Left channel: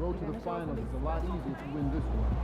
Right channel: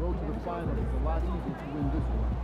road to the finals is a lot easier if you win this one.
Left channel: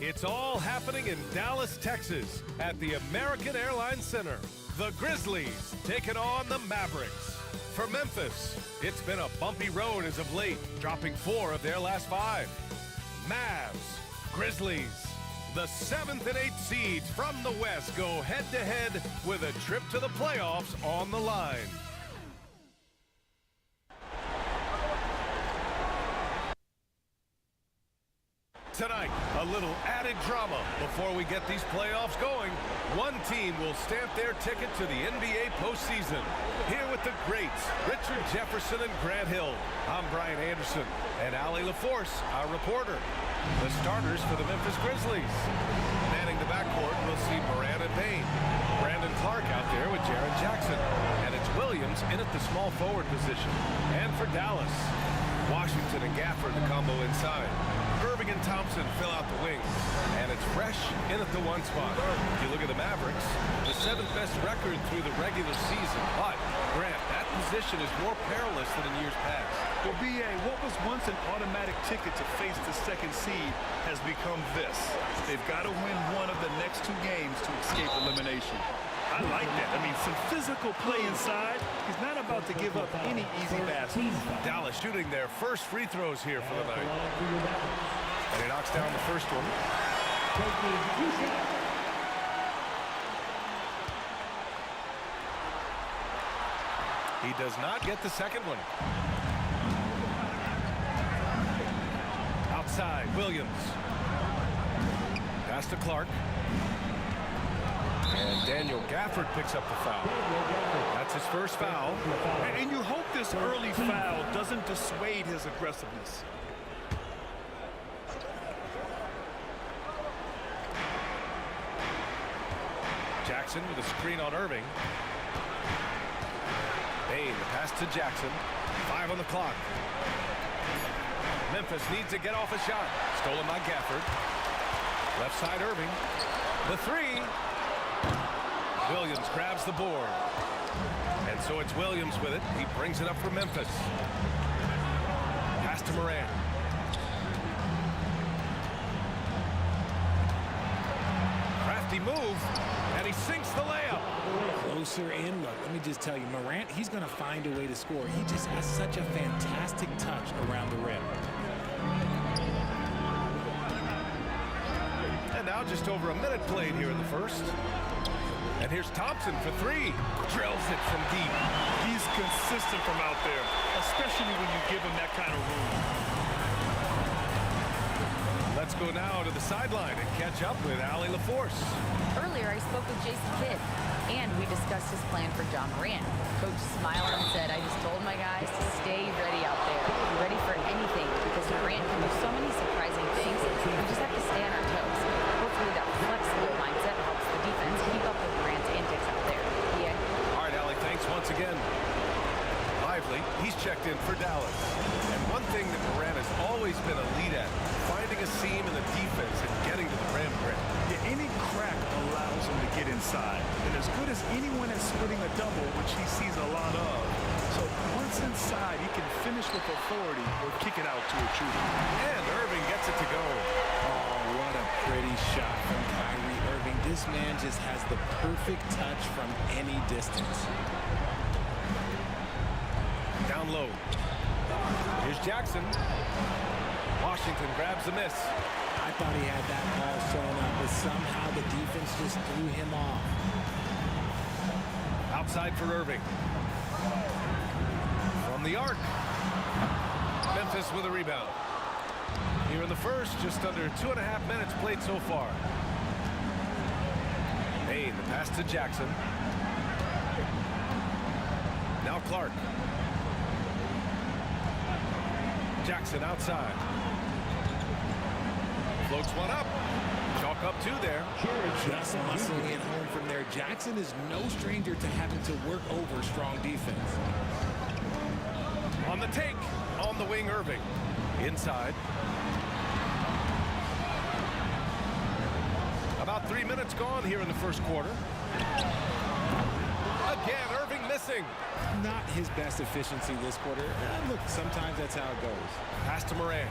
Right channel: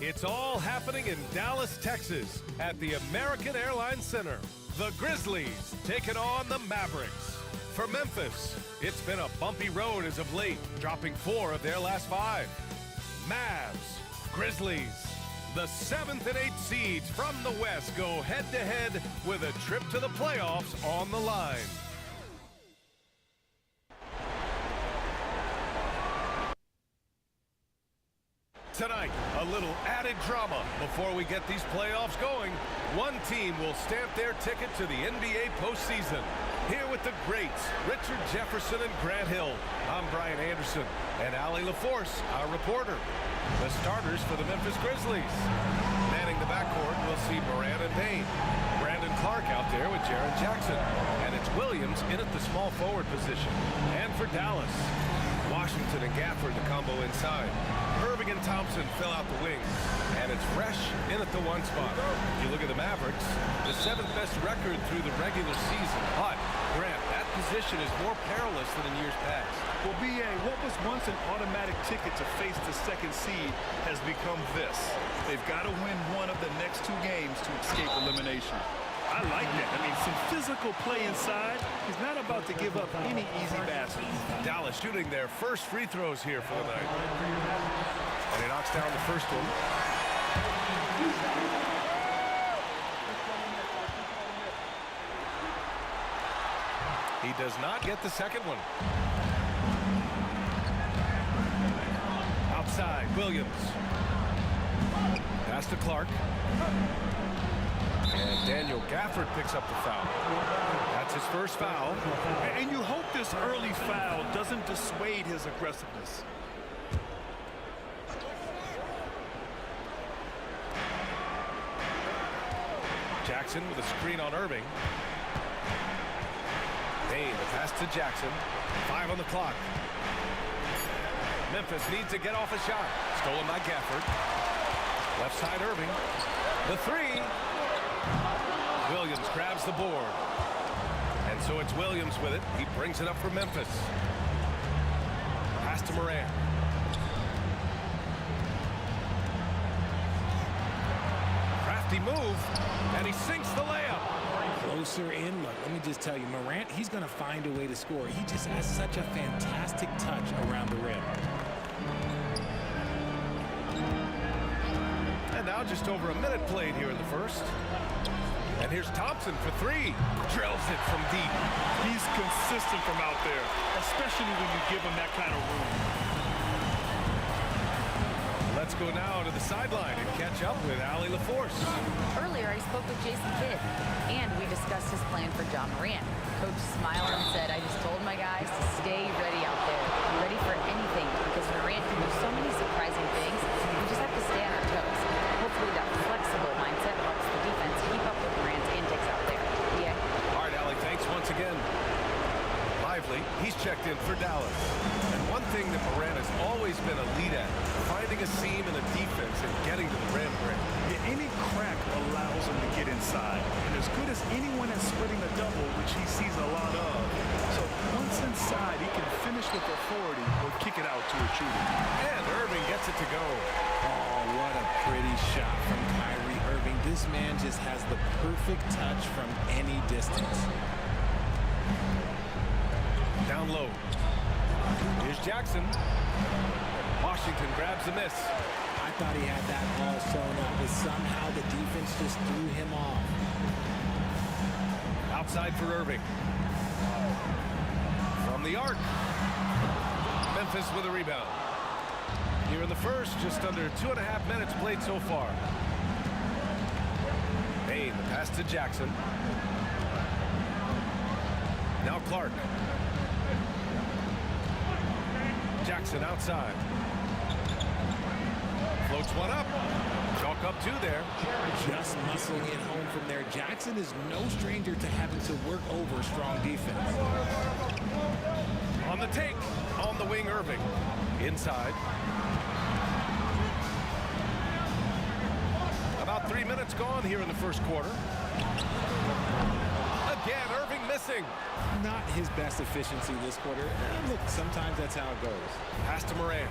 It's all happening in Dallas, Texas, at the American Airlines Center. The Grizzlies taking on the Mavericks. For Memphis, it's been a bumpy road as of late, dropping 4 of their last 5. Mavs, Grizzlies. The 7th and 8th seeds from the West go head-to-head with a trip to the playoffs on the line. Tonight, a little added drama before we get these playoffs going. One team will stamp their ticket to the NBA postseason. Here with the greats, Richard Jefferson and Grant Hill. I'm Brian Anderson, and Allie LaForce, our reporter. The starters for the Memphis Grizzlies. Manning the backcourt, we'll see Morant and Payne. Brandon Clark out there with Jaren Jackson. And it's Williams in at the small forward position. And for Dallas, Washington and Gafford, the combo inside. Irving and Thompson fill out the wings. And it's Fresh in at the 1 spot. If you look at the Mavericks, the 7th best record through the regular season. But, Grant, that position is more perilous than in years past. Well, B.A., what was once an automatic ticket to face the 2nd seed has become this. They've got to win one of the next 2 games to escape elimination. I like that. I mean, some physical play inside. He's not about to give up any easy baskets. Dallas shooting their first free throws here for the night. And he knocks down the first one. He does not get the second one. Outside, Williams. Pass to Clark. And Daniel Gafford picks up the foul. That's his first foul. And you hope this early foul doesn't dissuade his aggressiveness. Jackson with a screen on Irving. Payne, the pass to Jackson. 5 on the clock. Memphis needs to get off a shot. Stolen by Gafford. Left side Irving. The 3. Williams grabs the board. And so it's Williams with it. He brings it up for Memphis. Pass to Morant. Crafty move. And he sinks the layup. Closer in. Look, let me just tell you, Morant, he's going to find a way to score. He just has such a fantastic touch around the rim. And now just over a minute played here in the first. And here's Thompson for three. Drills it from deep. He's consistent from out there, especially when you give him that kind of room. Let's go now to the sideline and catch up with Allie LaForce. Earlier, I spoke with Jason Kidd, and we discussed his plan for Ja Morant. Coach smiled and said, I just told my guys to stay ready out there. Be ready for anything, because Morant can do so many surprising things. We just have to stay on our toes. Hopefully that flexible mindset helps the defense keep up with Morant's antics out there. Yeah. All right, Allie, thanks once again. Lively, he's checked in for Dallas. And one thing that Morant has always been elite at, finding a seam in the defense and getting to the rim, Grant. Yeah, any crack allows him to get inside. And as good as anyone at splitting a double, which he sees a lot of. So once inside, he can finish with authority or kick it out to a shooter. And Irving gets it to go. Oh, what a pretty shot from Kyrie Irving. This man just has the perfect touch from any distance. Down low. Here's Jackson. Washington grabs the miss. I thought he had that all sewn up, but somehow the defense just threw him off. Outside for Irving. From the arc. Memphis with a rebound. Here in the first, just under 2.5 minutes played so far. Payne, the pass to Jackson. Now Clark. Jackson outside. Floats one up. Chalk up two there. Just muscling it home from there. Jackson is no stranger to having to work over strong defense. On the take. On the wing, Irving. Inside. About 3 minutes gone here in the first quarter. Again, Irving missing. Not his best efficiency this quarter. Look, sometimes that's how it goes. Pass to Morant.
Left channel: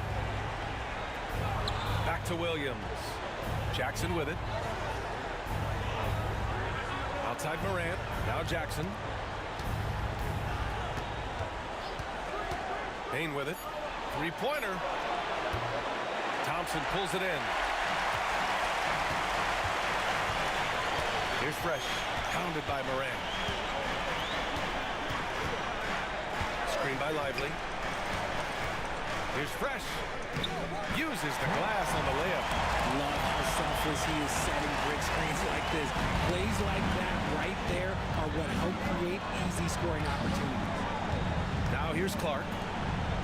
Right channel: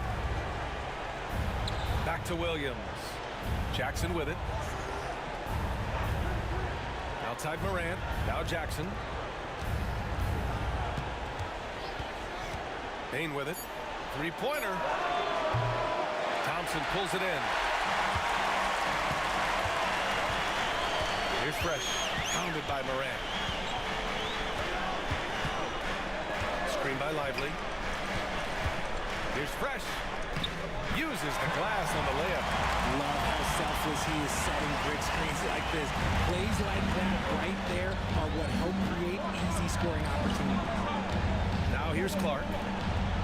Back to Williams. Jackson with it. Outside Morant. Now Jackson. Payne with it. Three-pointer. Thompson pulls it in. Here's Fresh. Pounded by Morant. Screen by Lively. Here's Fresh. Uses the glass on the layup. Love how selfless he is setting brick screens like this. Plays like that right there are what help create easy scoring opportunities. Now here's Clark.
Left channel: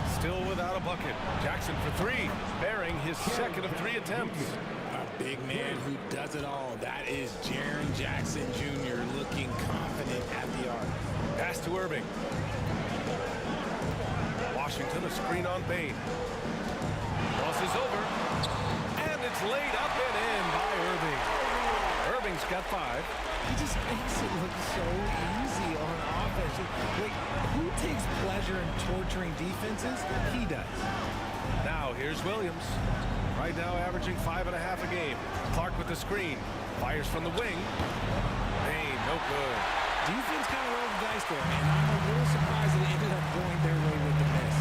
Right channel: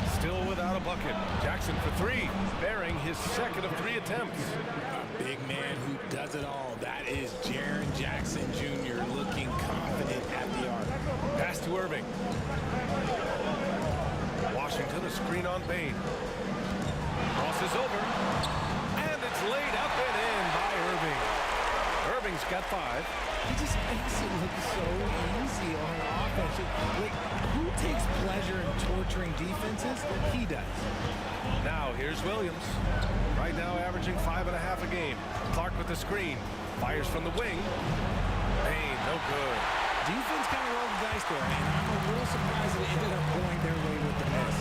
Still without a bucket. Jackson for three, bearing his second of 3 attempts. A big man who does it all. That is Jaren Jackson Jr. looking confident at the arc. Pass to Irving. Washington, a screen on Payne. Crosses over. And it's laid up and in by Irving. Irving's got 5. He just makes it look so easy on offense. Like, who takes pleasure in torturing defenses? He does. Now here's Williams. Right now averaging 5.5 a game. Clark with the screen. Fires from the wing. Payne, no good. Defense kind of rolled the dice there, and I'm a little surprised that it ended up going their way with the miss.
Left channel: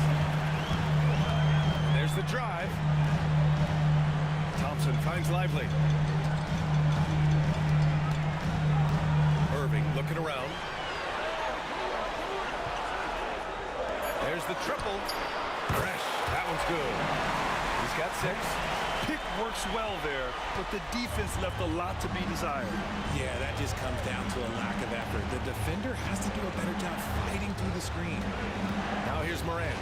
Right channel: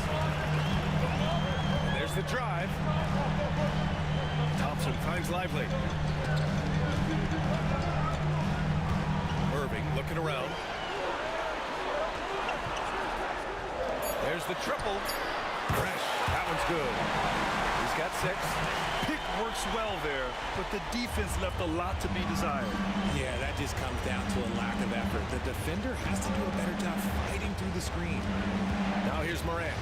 And there's the drive. Thompson finds Lively. Irving looking around. There's the triple. Fresh. That one's good. He's got 6. Pick works well there, but the defense left a lot to be desired. Yeah, that just comes down to a lack of effort. The defender has to do a better job fighting through the screen. Now here's Morant.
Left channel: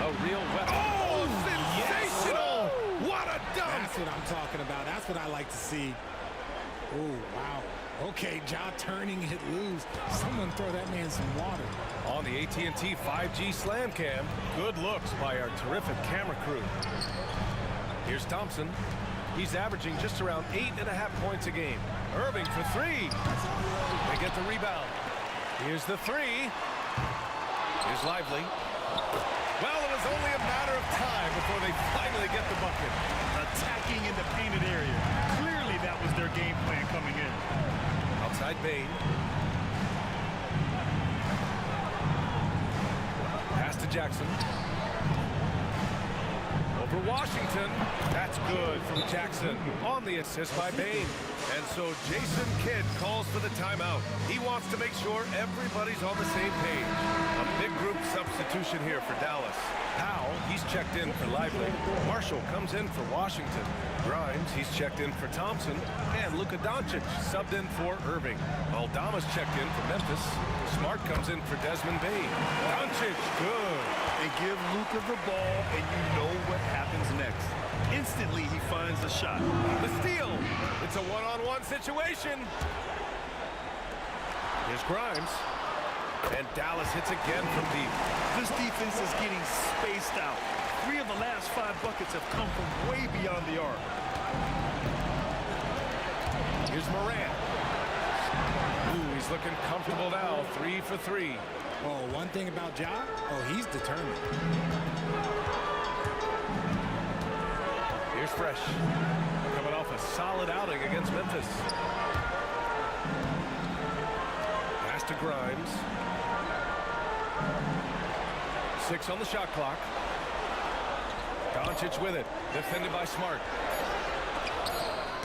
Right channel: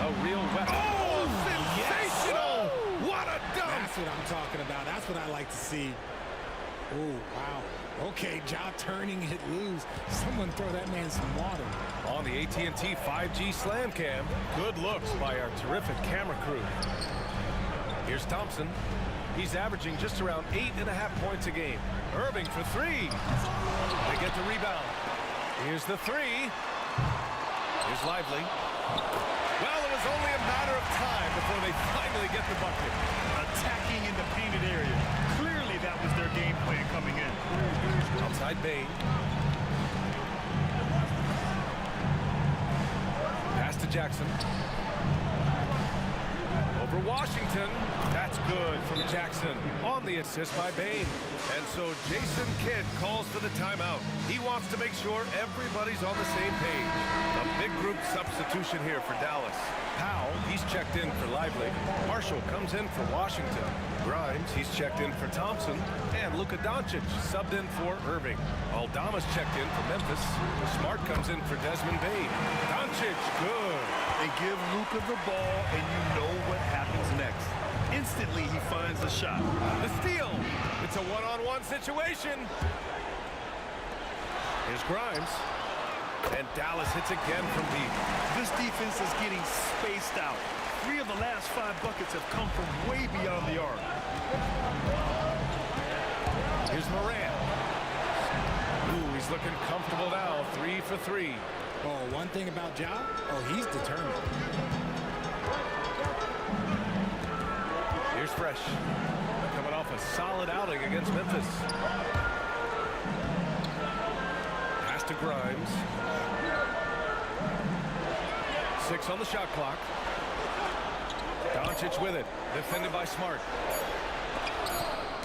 A real weapon. Oh, sensational! Yes. What a dunk! That's what I'm talking about. That's what I like to see. Oh, wow. Okay, Ja turning it loose. Someone throw that man some water. On the AT&T 5G Slam Cam, good looks by our terrific camera crew. Here's Thompson. He's averaging just around 8.5 points a game. Irving for 3. They get the rebound. Here's the 3. Here's Lively. Well, it was only a matter of time before they finally get the bucket. Attacking in the painted area. Clearly that was their game plan coming in. Outside Payne. Pass to Jackson. Over Washington. That's good from Jackson on the assist by Bane. And so Jason Kidd calls for the timeout. He wants to make sure everybody's on the same page. A big group substitution here for Dallas. Powell, he's checked in for Lively. Marshall comes in for Washington. Grimes, he's checked in for Thompson. And Luka Doncic subbed in for Irving. Aldama's checked in for Memphis. Smart comes in for Desmond Bane. Doncic, good. And give Luka the ball, and you know what happens next. Instantly, he finds a shot. The steal. It's a one-on-one situation. Here's Grimes. And Dallas hits again from deep. This defense is getting spaced out. 3 of the last 5 buckets have come from way beyond the arc. Here's Morant. Ooh, he's looking comfortable now. 3 for 3. Oh, one thing about Ja, he's determined. Here's Fresh. Coming off a solid outing against Memphis. Pass to Grimes. 6 on the shot clock. Doncic with it. Defended by Smart.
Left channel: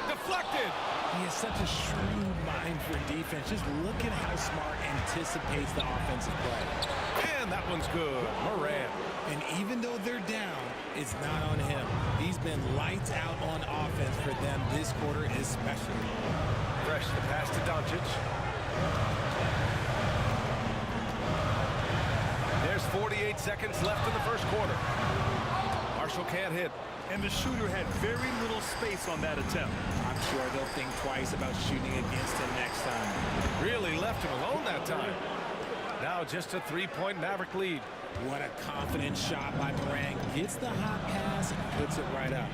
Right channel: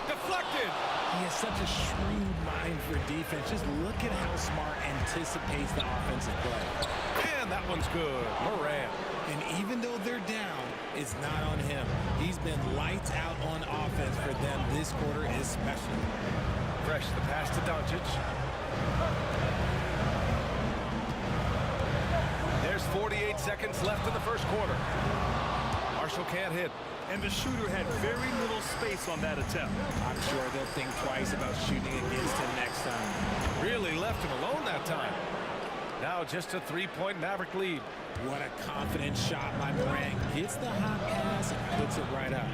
Deflected. He has such a shrewd mind for defense. Just look at how Smart anticipates the offensive play. And that one's good. Morant. And even though they're down, it's not on him. He's been lights out on offense for them this quarter especially. Fresh, the pass to Doncic. There's 48 seconds left in the first quarter. Marshall can't hit. And the shooter had very little space on that attempt. I'm sure they'll think twice about shooting against him next time. Really left him alone that time. Now just a 3-point Maverick lead. What a confident shot by Morant. Gets the hot pass and puts it right up.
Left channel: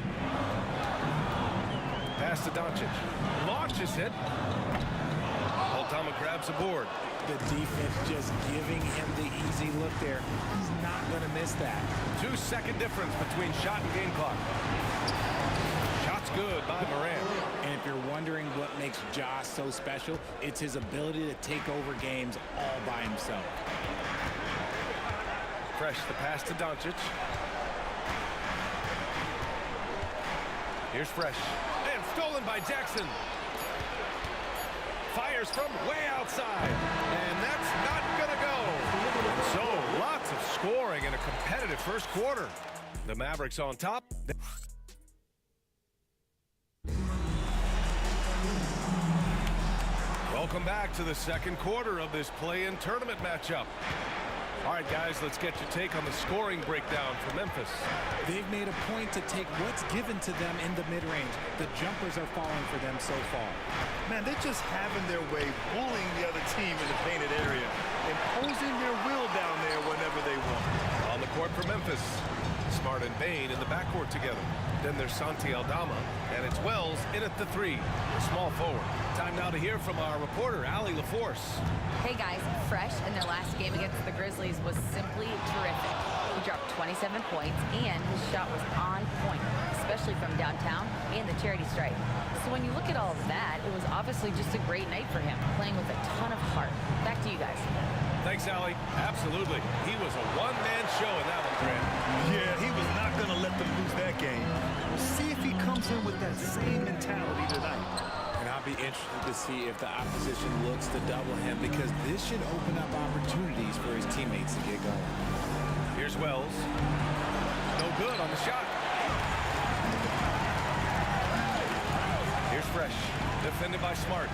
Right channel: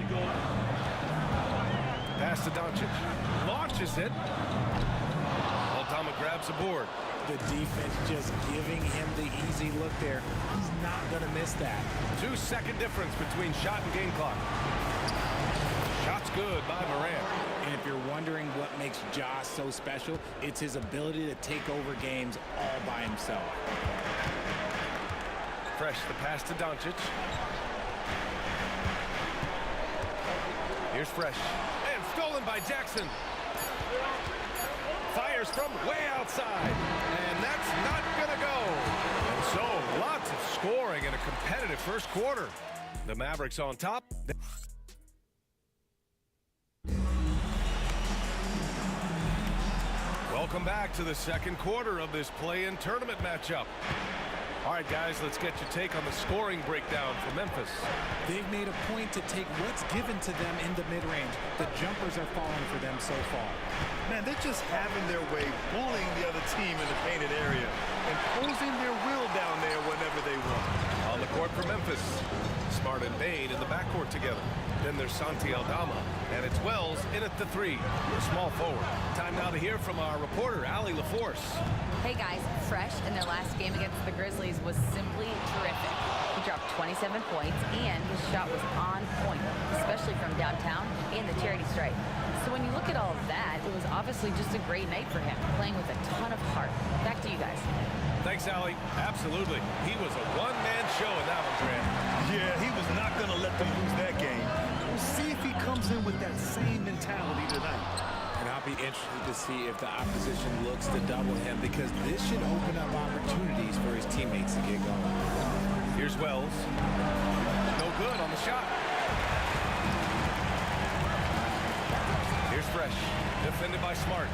Pass to Doncic. Launches it. Aldama grabs the board. The defense just giving him the easy look there. He's not going to miss that. 2-second difference between shot and game clock. Shot's good by Morant. And if you're wondering what makes Ja so special, it's his ability to take over games all by himself. Fresh, the pass to Doncic. Here's Fresh. And stolen by Jackson. Fires from way outside. And that's not gonna go. And so, lots of scoring in a competitive first quarter. The Mavericks on top. Welcome back to the second quarter of this play-in tournament matchup. All right, guys, let's get your take on the scoring breakdown for Memphis. They've made a point to take what's given to them in the mid-range. The jumpers are falling for them so far. Man, they're just having their way, bullying the other team in the painted area, imposing their will down there whenever they want. On the court for Memphis, Smart and Bane in the backcourt together. Then there's Santi Aldama, and it's Wells in at the 3, a small forward. Time now to hear from our reporter, Allie LaForce. Hey guys, Fresh in their last game against the Grizzlies was simply terrific. He dropped 27 points and his shot was on point, especially from downtown and the charity stripe. So when you look at all of that, it was obviously just a great night for him, playing with a ton of heart. Back to you guys. Thanks, Allie. Absolutely. He was a one-man show in that one, Grant. Yeah, he was not going to let them lose that game. We'll see if he comes in with that same mentality tonight. And I'll be interested to see if the opposition looks to double him, because this should open up opportunities for his teammates to get going. Here's Wells. No good on the shot. Here's Fresh. Defended by Smart.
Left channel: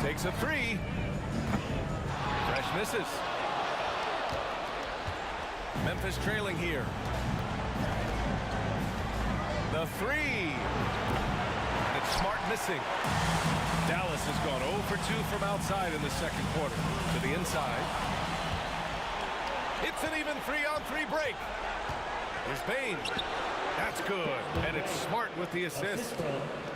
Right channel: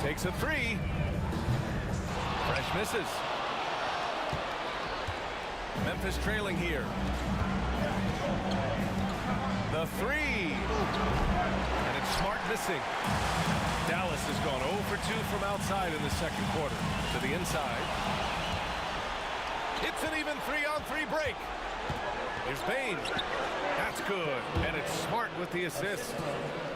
Takes a 3. Fresh misses. Memphis trailing here. The 3. And it's Smart missing. Dallas has gone 0 for 2 from outside in the second quarter. To the inside. It's an even 3-on-3 break. Here's Bane. That's good. And it's Smart with the assist.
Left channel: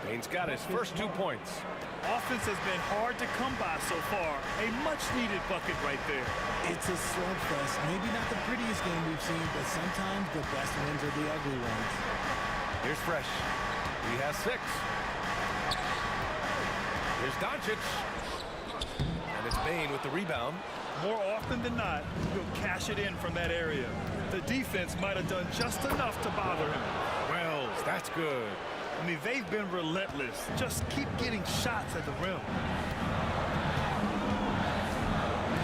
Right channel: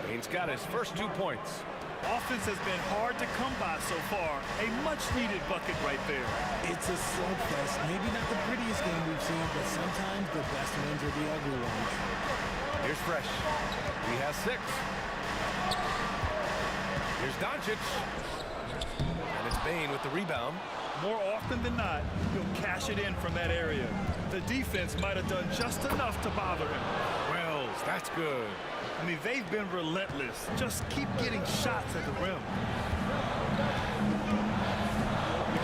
Bane's got his first 2 points. Offense has been hard to come by so far. A much-needed bucket right there. It's a slugfest. Maybe not the prettiest game we've seen, but sometimes the best wins are the ugly ones. Here's Fresh. He has 6. Here's Doncic. And it's Bane with the rebound. More often than not, he'll cash it in from that area. The defense might have done just enough to bother him. Wells, that's good. I mean, they've been relentless. Just keep getting shots at the rim.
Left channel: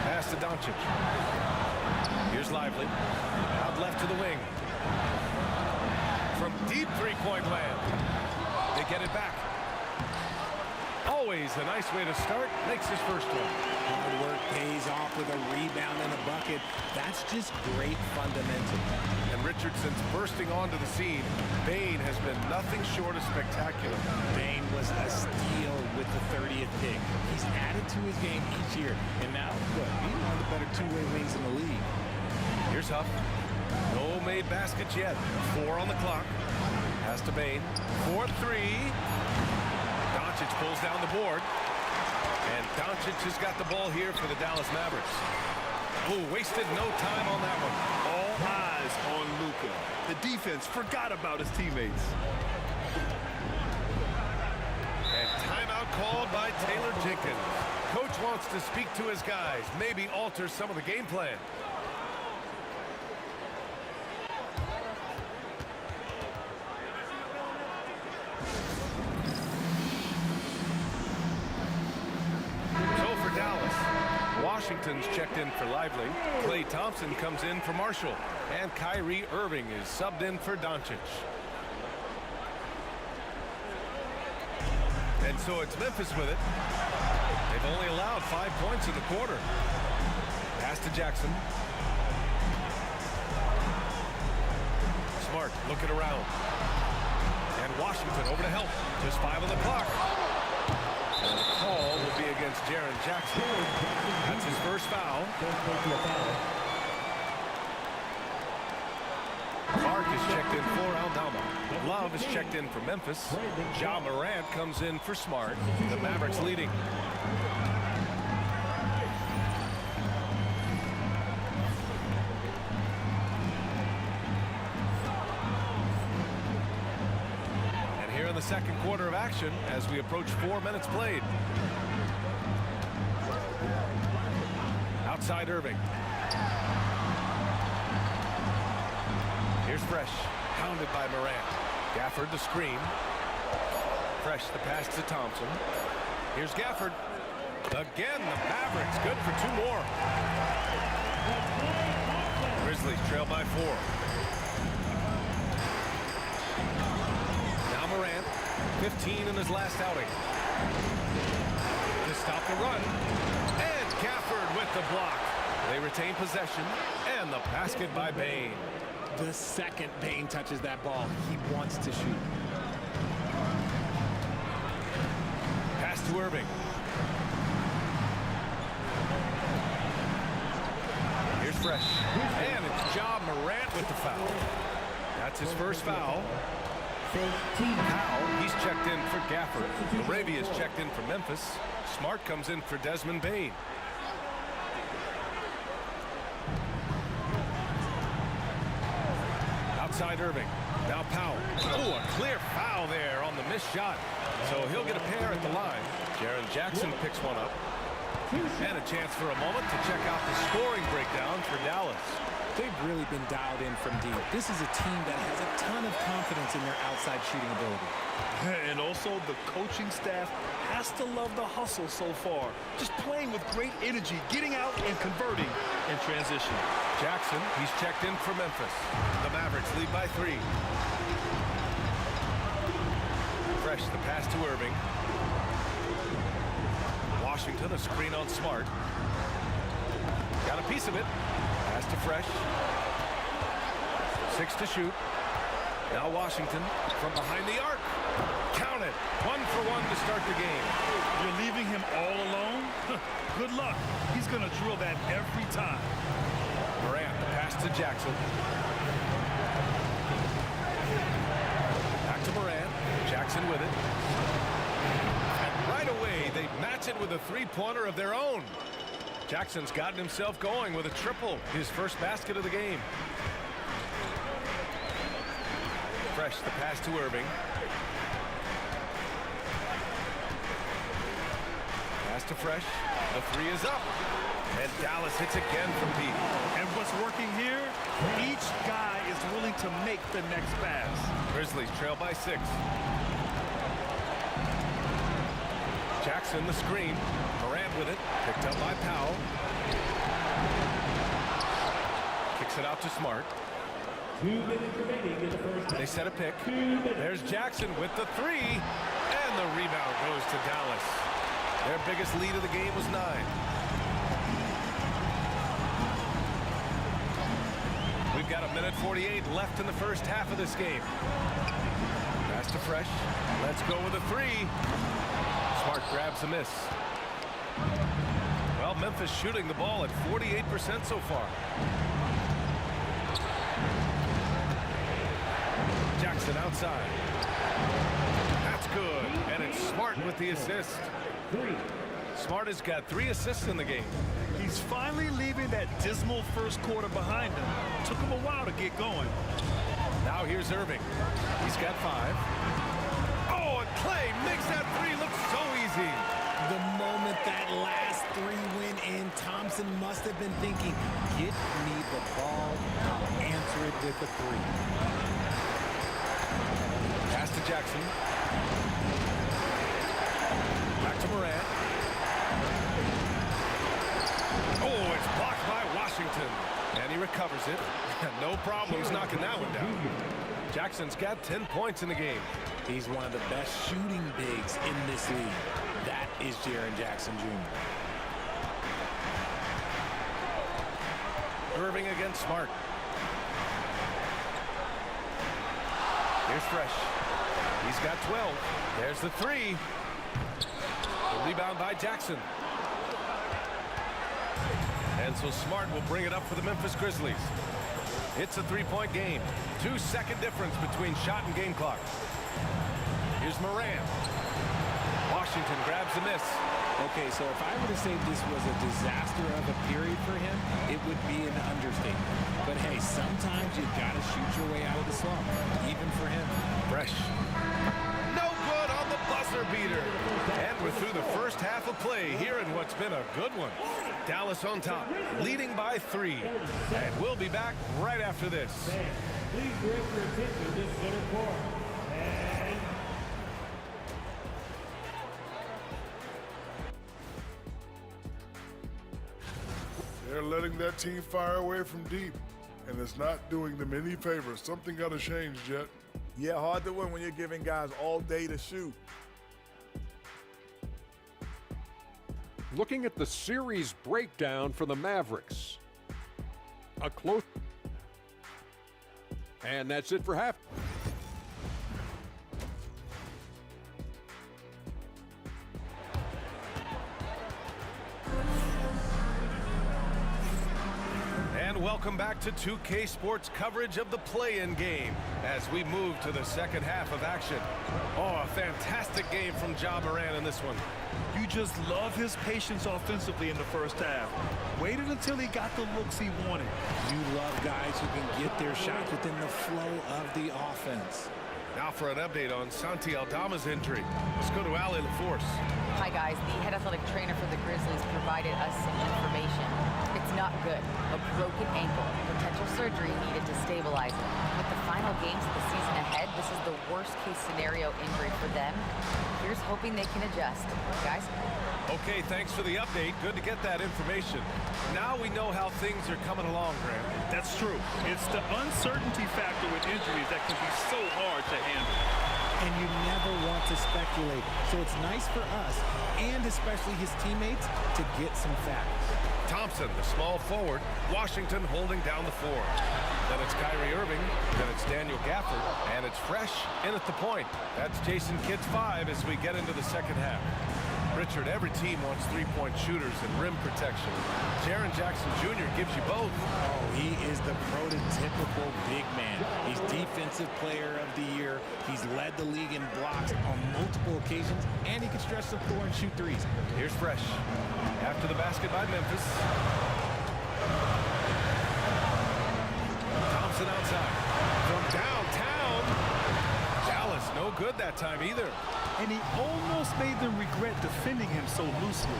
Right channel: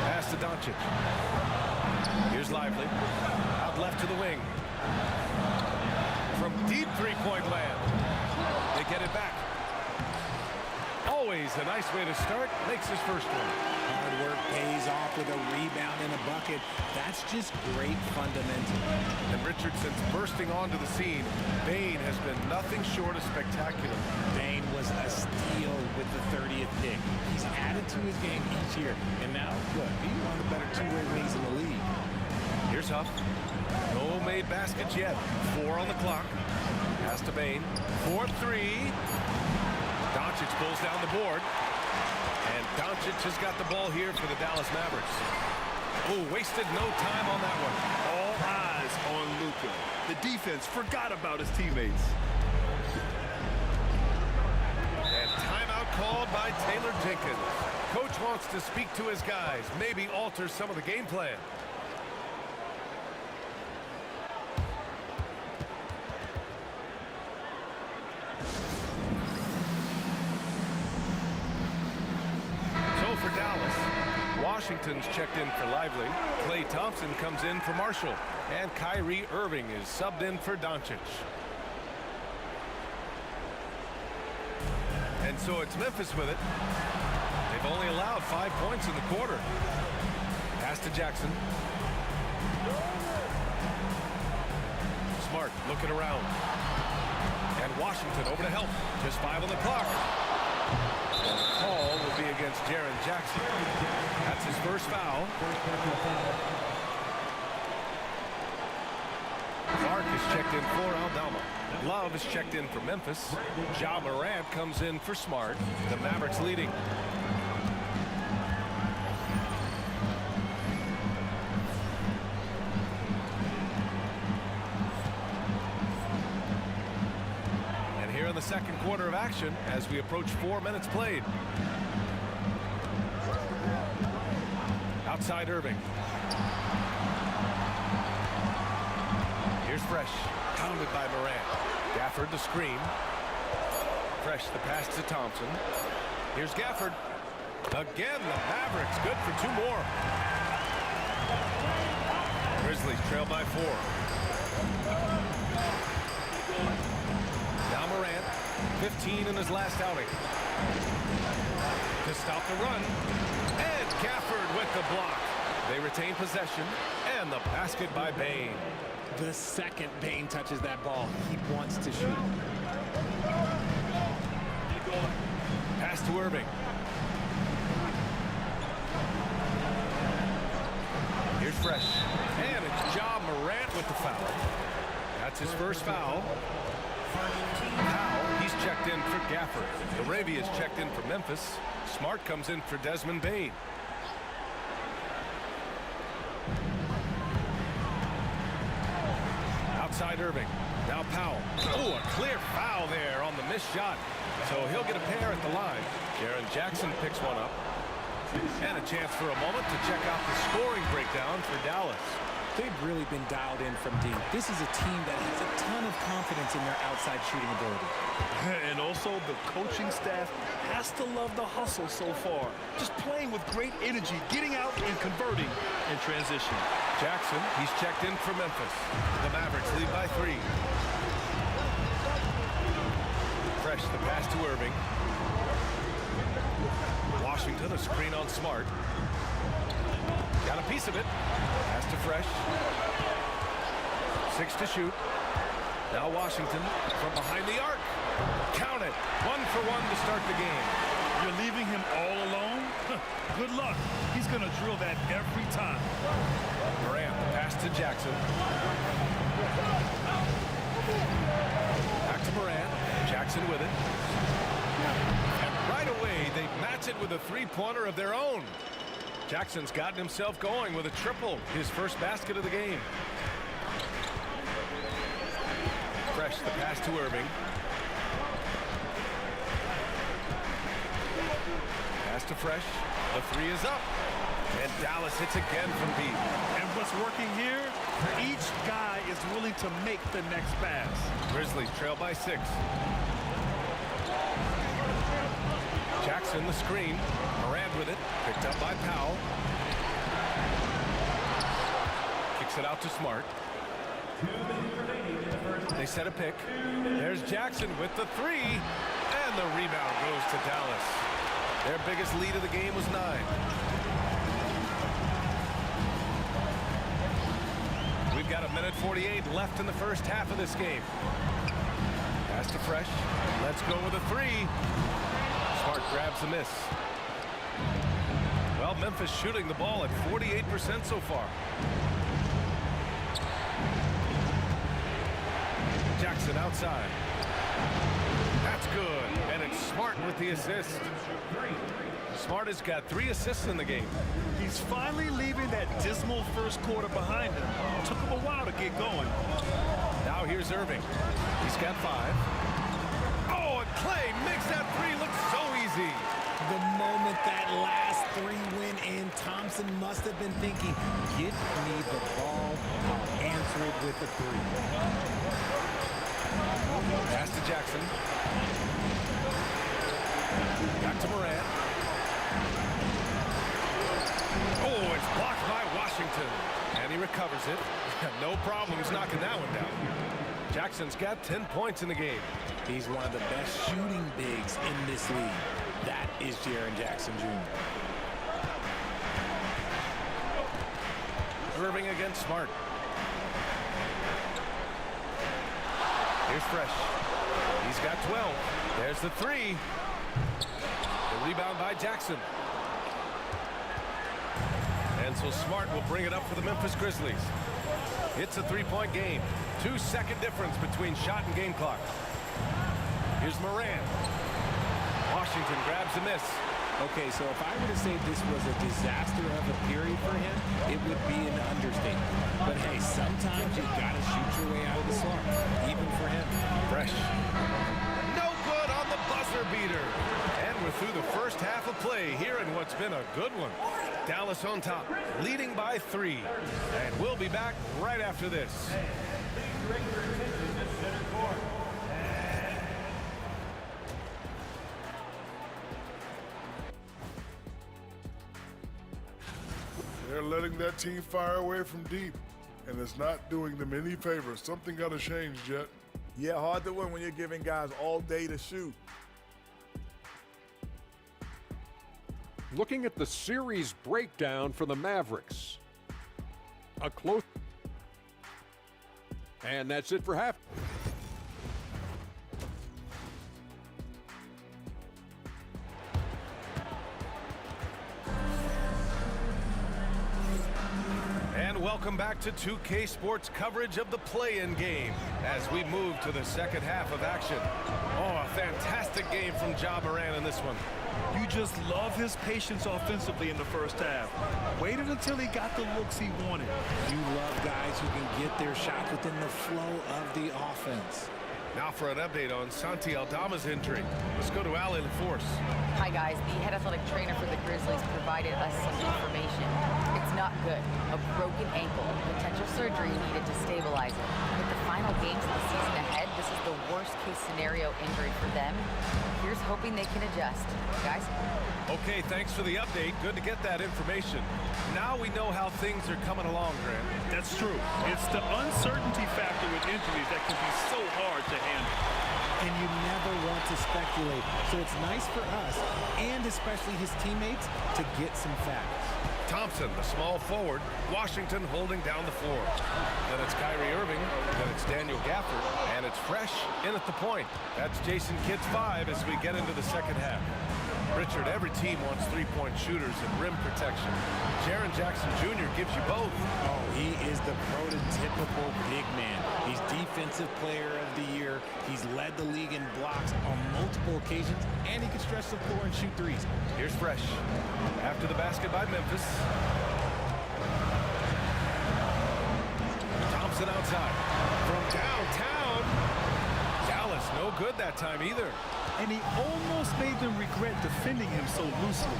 Pass to Doncic. Here's Lively. Out left to the wing. From deep three-point land. They get it back. Always a nice way to start. Makes his first one. Hard work pays off with a rebound and a bucket. That's just great fundamental. And Richardson's bursting onto the scene. Bane has been nothing short of spectacular. Bane was a steal with the 30th pick. He's added to his game each year. And now, look, he's one of the better two-way wings in the league. Here's Huff. No made baskets yet. 4 on the clock. Pass to Bane. 4-3. Doncic pulls down the board. And Doncic has got the ball here for the Dallas Mavericks. Oh, wasted no time on that one. All eyes on Luka. The defense forgot about his teammates. And timeout called by Taylor Jenkins. Coach wants to speak to his guys, maybe alter some of the game plan. So for Dallas, Washington's checked in for Lively. Klay Thompson comes in for Marshall. And Kyrie Irving is subbed in for Doncic. And so it's Memphis with it. They've only allowed 5 points in the quarter. Pass to Jackson. Smart looking around. And Washington over to help. Just 5 on the clock. And the call will be against Jaren Jackson. That's his first foul. Clark is checked in for Aldama. Love is checked in for Memphis. Ja Morant comes in for Smart. The Mavericks leading. And here in the second quarter of action as we approach 4 minutes played. Outside Irving. Here's Fresh, pounded by Morant. Gafford the screen. Fresh the pass to Thompson. Here's Gafford. Again, the Mavericks good for 2 more. Grizzlies trail by 4. Now Morant, 15 in his last outing. To stop the run. And Gafford with the block. They retain possession. And the basket by Bane. The second Bane touches that ball, he wants to shoot. Pass to Irving. Here's Fresh. And it's Ja Morant with the foul. That's his first foul. Powell, he's checked in for Gafford. Laravia's checked in for Memphis. Smart comes in for Desmond Bane. Outside Irving. Now Powell. Oh, a clear foul there on the missed shot. So he'll get a pair at the line. Jaren Jackson picks one up. And a chance for a moment to check out the scoring breakdown for Dallas. They've really been dialed in from deep. This is a team that has a ton of confidence in their outside shooting ability. And also the coaching staff has to love the hustle so far. Just playing with great energy, getting out and converting in transition. Jackson, he's checked in for Memphis. The Mavericks lead by 3. Fresh the pass to Irving. Washington, a screen on Smart. Got a piece of it. Pass to Fresh. 6 to shoot. Now Washington from behind the arc. Count it. 1 for 1 to start the game. You're leaving him all alone? Good luck. He's going to drill that every time. Morant, the pass to Jackson. Back to Morant. Jackson with it. And right away, they match it with a three-pointer of their own. Jackson's gotten himself going with a triple, his first basket of the game. Fresh, the pass to Irving. Pass to Fresh. The 3 is up. And Dallas hits again from deep. And what's working here, each guy is willing to make the next pass. Grizzlies trail by 6. Jackson the screen. Morant with it. Picked up by Powell. Kicks it out to Smart. 2 minutes remaining in the first. They set a pick. There's Jackson with the 3. And the rebound goes to Dallas. Their biggest lead of the game was 9. We've got 1:48 left in the first half of this game. Pass to Fresh. Let's go with a 3. Smart grabs a miss. Well, Memphis shooting the ball at 48% so far. Jackson outside. That's good. And it's Smart with the assist. Smart has got 3 assists in the game. He's finally leaving that dismal first quarter behind him. Took him a while to get going. Now here's Irving. He's got 5. Oh, and Clay makes that 3 look so easy. The moment that last 3 went in, Thompson must have been thinking, get me the ball, I'll answer it with a 3. Pass to Jackson. Back to Morant. Oh, it's blocked by Washington. And he recovers it. No problems knocking that one down. Jackson's got 10 points in the game. He's one of the best shooting bigs in this league. That is Jaren Jackson Jr. Irving against Smart. Here's Fresh. He's got 12. There's the 3. The rebound by Jackson. And so Smart will bring it up for the Memphis Grizzlies. It's a 3-point game. 2-second difference between shot and game clock. Here's Morant. Washington grabs the miss. Okay, so if I were to say this was a disaster of a period for him, it would be an understatement. But hey, sometimes you gotta shoot your way out of the slump, even for him. Fresh. No good on the buzzer beater. And we're through the first half of play here in what's been a good one. Dallas on top, leading by 3. And we'll be back right after this. Please direct your attention to center court. And they're letting that team fire away from deep, and it's not doing them any favors. Something got to change, Jet. Yeah, hard to win when you're giving guys all day to shoot. Looking at the series breakdown for the Mavericks. A close. And that's it for half. And welcome back to 2K Sports coverage of the play-in game as we move to the second half of action. Oh, a fantastic game from Ja Morant in this one. You just love his patience offensively in the first half. Waited until he got the looks he wanted. You love guys who can get their shots within the flow of the offense. Now for an update on Santi Aldama's injury. Let's go to Ali LaForce. Hi, guys. The head athletic trainer for the Grizzlies provided us some information. It's not good. A broken ankle. Potential surgery needed to stabilize it. With the final games of the season ahead, this is the worst-case scenario injury for them. Here's hoping they can adjust. Guys? Okay, thanks for the update. Good to get that information. Now we know how things are coming along, Grant. That's true. It's the uncertainty factor with injuries that can be so hard to handle. And you never want to speculate. So it's nice for us, and especially his teammates, to get some facts. Thompson, the small forward. Washington holding down the floor. Then it's Kyrie Irving. Then it's Daniel Gafford. And it's Fresh in at the point. That's Jason Kidd's 5 as we get into the second half. Richard, every team wants three-point shooters and rim protection. Jaren Jackson Jr. gives you both. Oh, he is the prototypical big man. He's Defensive Player of the Year. He's led the league in blocks on multiple occasions, and he can stretch the floor and shoot threes. Here's Fresh. After the basket by Memphis. Thompson outside. From downtown. Dallas, no good that time either. And he almost made them regret defending him so loosely.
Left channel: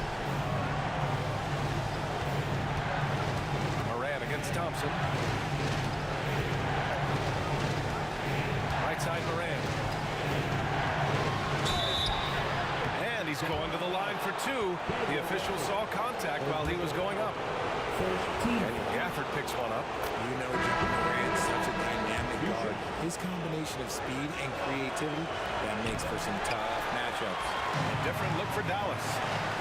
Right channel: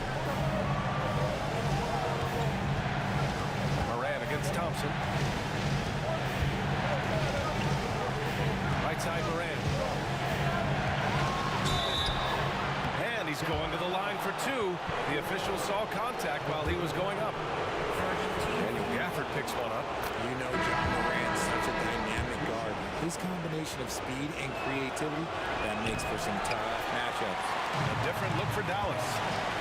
It's Thompson. Right side Moran. And he's going to the line for two. The official saw contact while he was going up. Daniel Gafford picks one up. You know John Morant's such a dynamic guard. His combination of speed and creativity, that makes for some tough matchups. A different look for Dallas.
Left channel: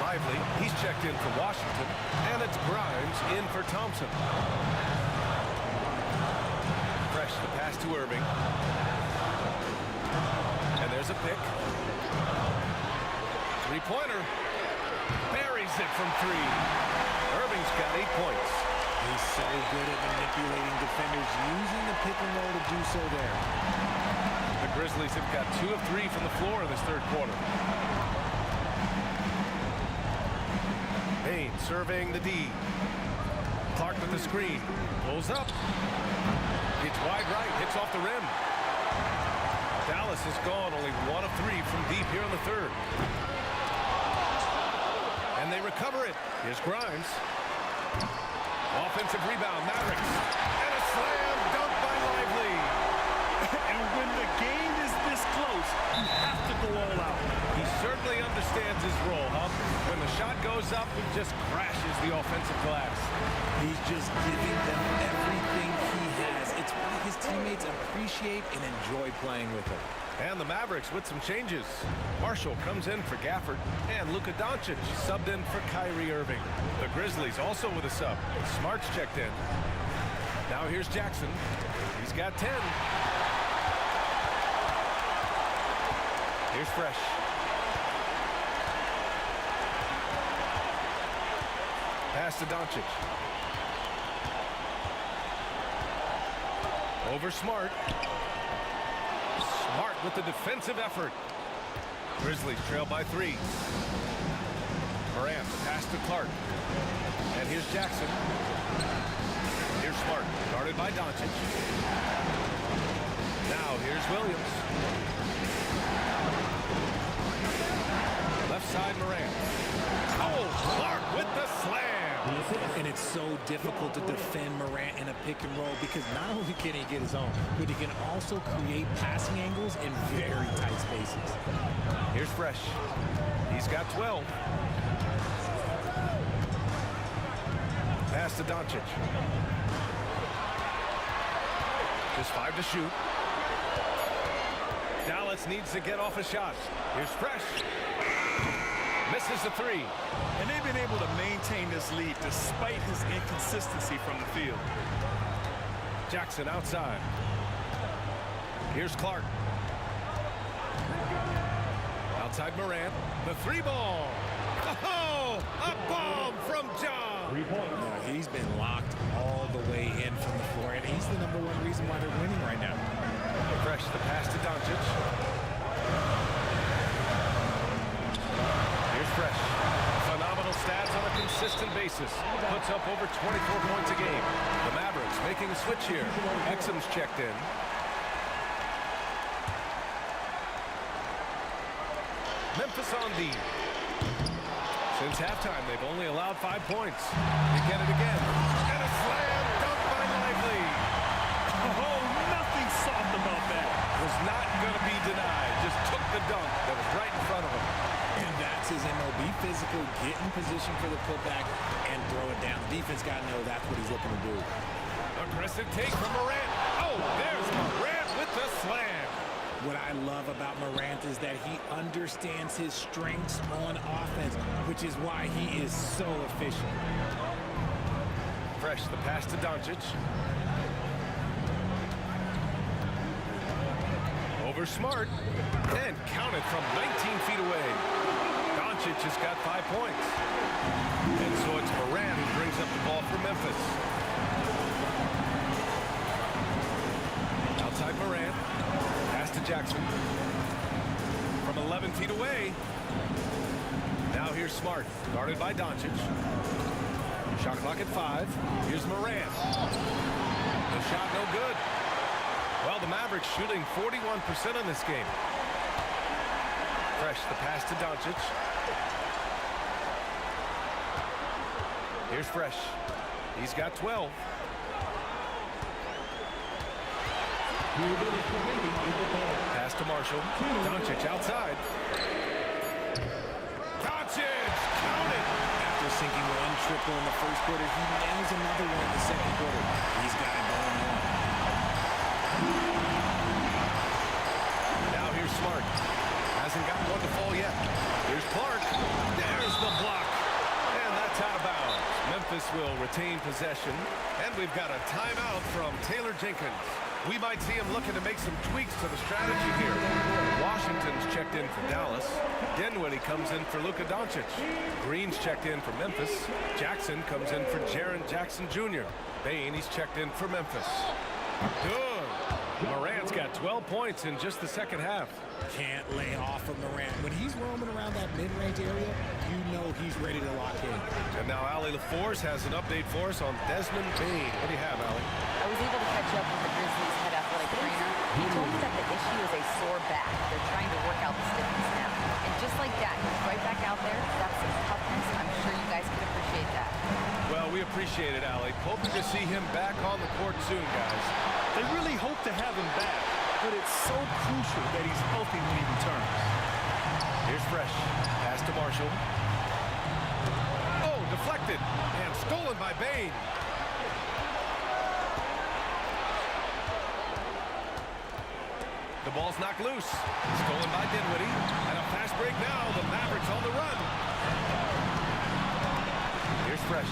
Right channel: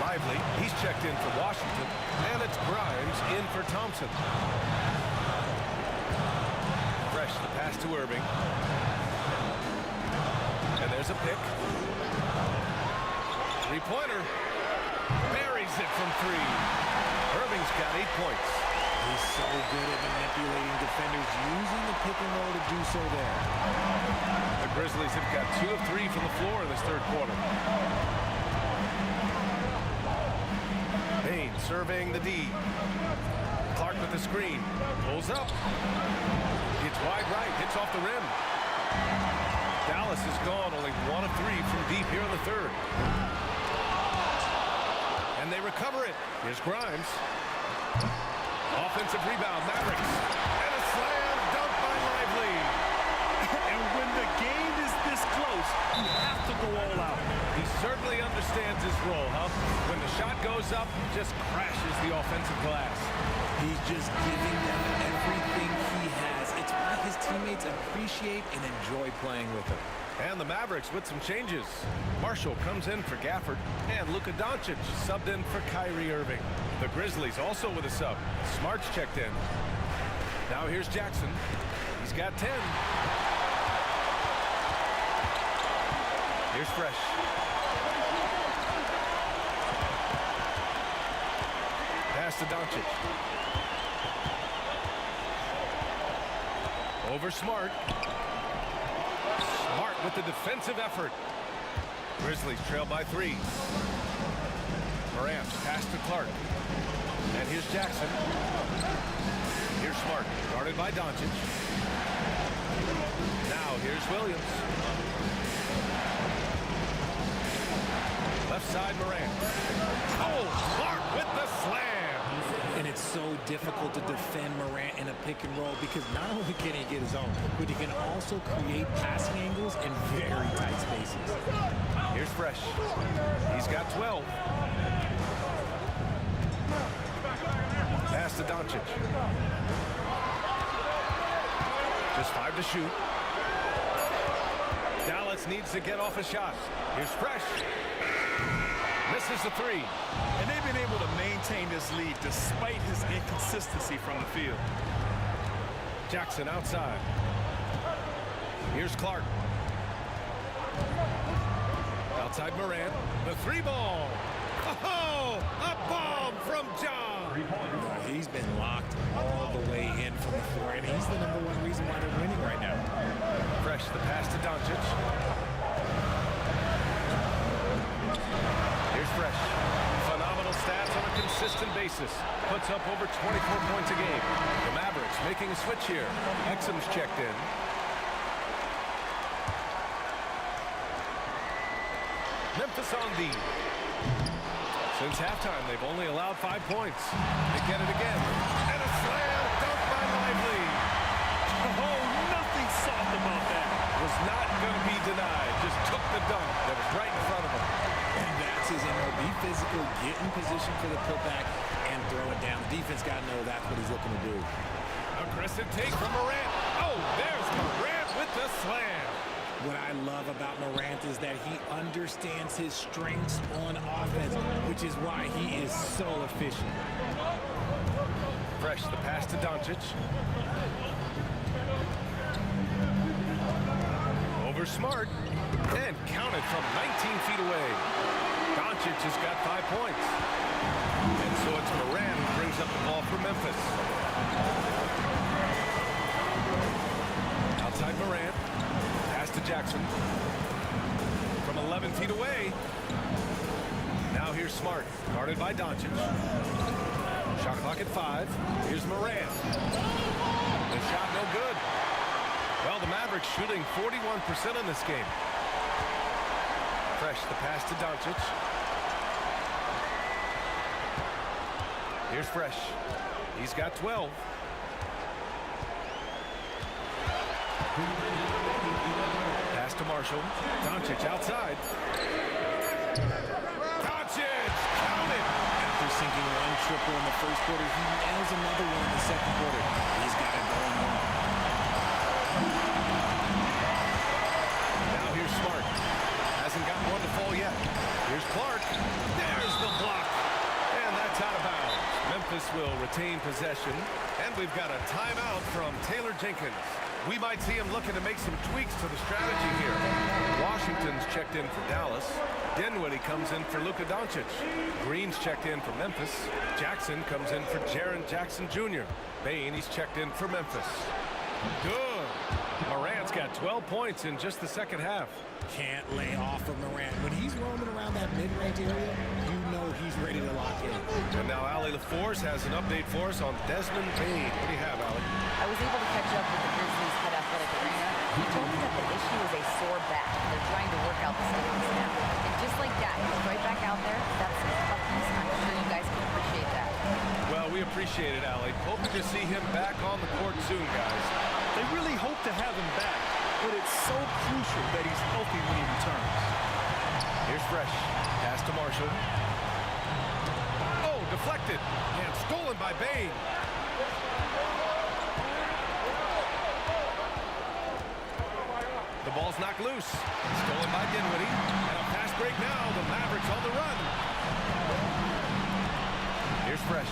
Lively, he's checked in for Washington. And it's Grimes in for Thompson. Fresh, the pass to Irving. And there's a pick. Three-pointer. Buries it from three. Irving's got 8 points. He's so good at manipulating defenders, using the pick and roll to do so there. The Grizzlies have got 2 of 3 from the floor in this third quarter. Bain surveying the D. Clark with the screen. Pulls up. Gets wide right. Hits off the rim. Dallas has gone only 1 of 3 from deep here in the third. And they recover it. Here's Grimes. Offensive rebound, Mavericks. And a slam dunk by Lively. And when the game is this close, you have to go all out. He certainly understands his role, huh? When the shot goes up, just crashes the offensive glass. He's just giving them everything he has. It's why his teammates appreciate and enjoy playing with him. And the Mavericks with some changes. Marshall comes in for Gafford, and Luka Doncic subbed in for Kyrie Irving. The Grizzlies also with a sub. Smart's checked in. Now here's Jackson. He's got 10. Here's Fresh. Pass to Doncic. Over Smart. Smart with the defensive effort. Grizzlies trail by 3. Morant pass to Clark. And here's Jackson. Here's Smart, guarded by Doncic. Now here's Williams. Left side Morant. Oh, Clark with the slam. And it's so difficult to defend Morant in a pick and roll because not only can he get his own, but he can also create passing angles in very tight spaces. Here's Fresh. He's got 12. Pass to Doncic. Just 5 to shoot. Dallas needs to get off a shot. Here's Fresh. Misses the 3. And they've been able to maintain this lead despite his inconsistency from the field. Jackson outside. Here's Clark. Outside Morant. The 3-ball. Oh, a bomb from John. 3 points. No, he's been locked all the way in from the floor, and he's the #1 reason why they're winning right now. Fresh, the pass to Doncic. Here's Fresh. Phenomenal stats on a consistent basis. Puts up over 24 points a game. The Mavericks making a switch here. Exum's checked in. Memphis on D. Since halftime, they've only allowed 5 points. They get it again. And a slam dunk by Lively. Oh, nothing soft about that. Was not going to be denied. Just took the dunk that was right in front of him. And that's his MO. Be physical, get in position for the putback, and throw it down. The defense got to know that's what he's looking to do. Aggressive take from Morant. Oh, there's Morant with the slam. What I love about Morant is that he understands his strengths on offense, which is why he is so efficient. Fresh, the pass to Doncic. Over Smart. And counted from 19 feet away. Doncic has got 5 points. And so it's Morant who brings up the ball for Memphis. Outside Morant. Pass to Jackson. From 11 feet away. Now here's Smart, guarded by Doncic. Shot clock at 5. Here's Morant. The shot no good. Well, the Mavericks shooting 41% in this game. Fresh, the pass to Doncic. Here's Fresh. He's got 12. Pass to Marshall. Doncic outside. Doncic, count it. After sinking one triple in the first quarter, he nails another one in the second quarter. He's got it going on. Now here's Smart. Hasn't gotten one to fall yet. Here's Clark. There's the block. And that's out of bounds. Memphis will retain possession. And we've got a timeout from Taylor Jenkins. We might see him looking to make some tweaks to the strategy here. Washington's checked in for Dallas. Dinwiddie comes in for Luka Doncic. Green's checked in for Memphis. Jackson comes in for Jaren Jackson Jr. Bane, he's checked in for Memphis. Good. Morant's got 12 points in just the second half. Can't lay off of Morant. When he's roaming around that mid-range area, you know he's ready to lock in. And now Allie LaForce has an update for us on Desmond Bane. What do you have, Allie? I was able to catch up with the Grizzlies' head athletic trainer. He told me that the issue is a sore back. They're trying to work out the stiffness now. And just like that, he's right back out there. That's some toughness. I'm sure you guys can appreciate that. Well, we appreciate it, Allie. Hoping to see him back on the court soon, guys. They really hope to have him back, but it's so crucial that he's healthy when he returns. Here's Fresh. Pass to Marshall. Oh, deflected and stolen by Bane. The ball's knocked loose. Stolen by Dinwiddie. And a fast break now. The Mavericks on the run. Here's Fresh.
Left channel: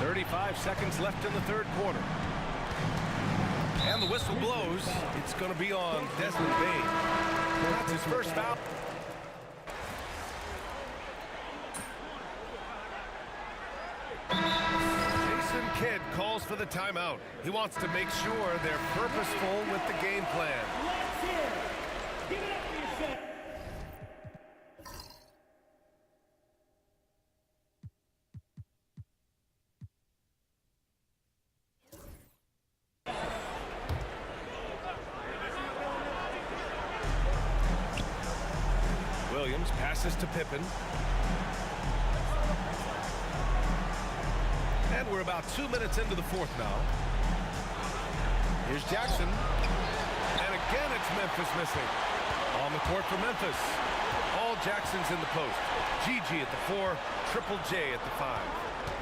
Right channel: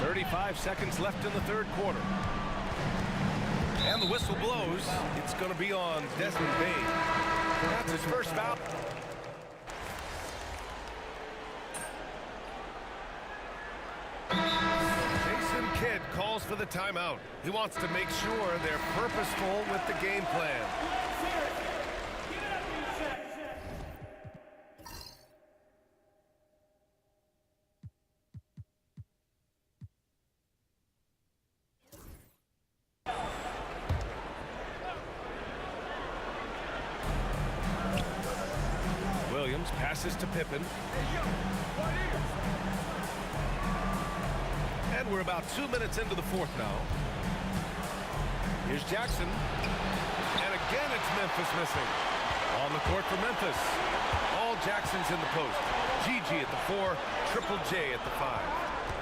35 seconds left in the third quarter. And the whistle blows. It's going to be on Desmond Bane. That's his first foul. Jason Kidd calls for the timeout. He wants to make sure they're purposeful with the game plan. Williams passes to Pippen. And we're about 2 minutes into the fourth now. Here's Jackson. And again, it's Memphis missing. On the court for Memphis. All Jackson's in the post. Gigi at the 4, Triple J at the 5.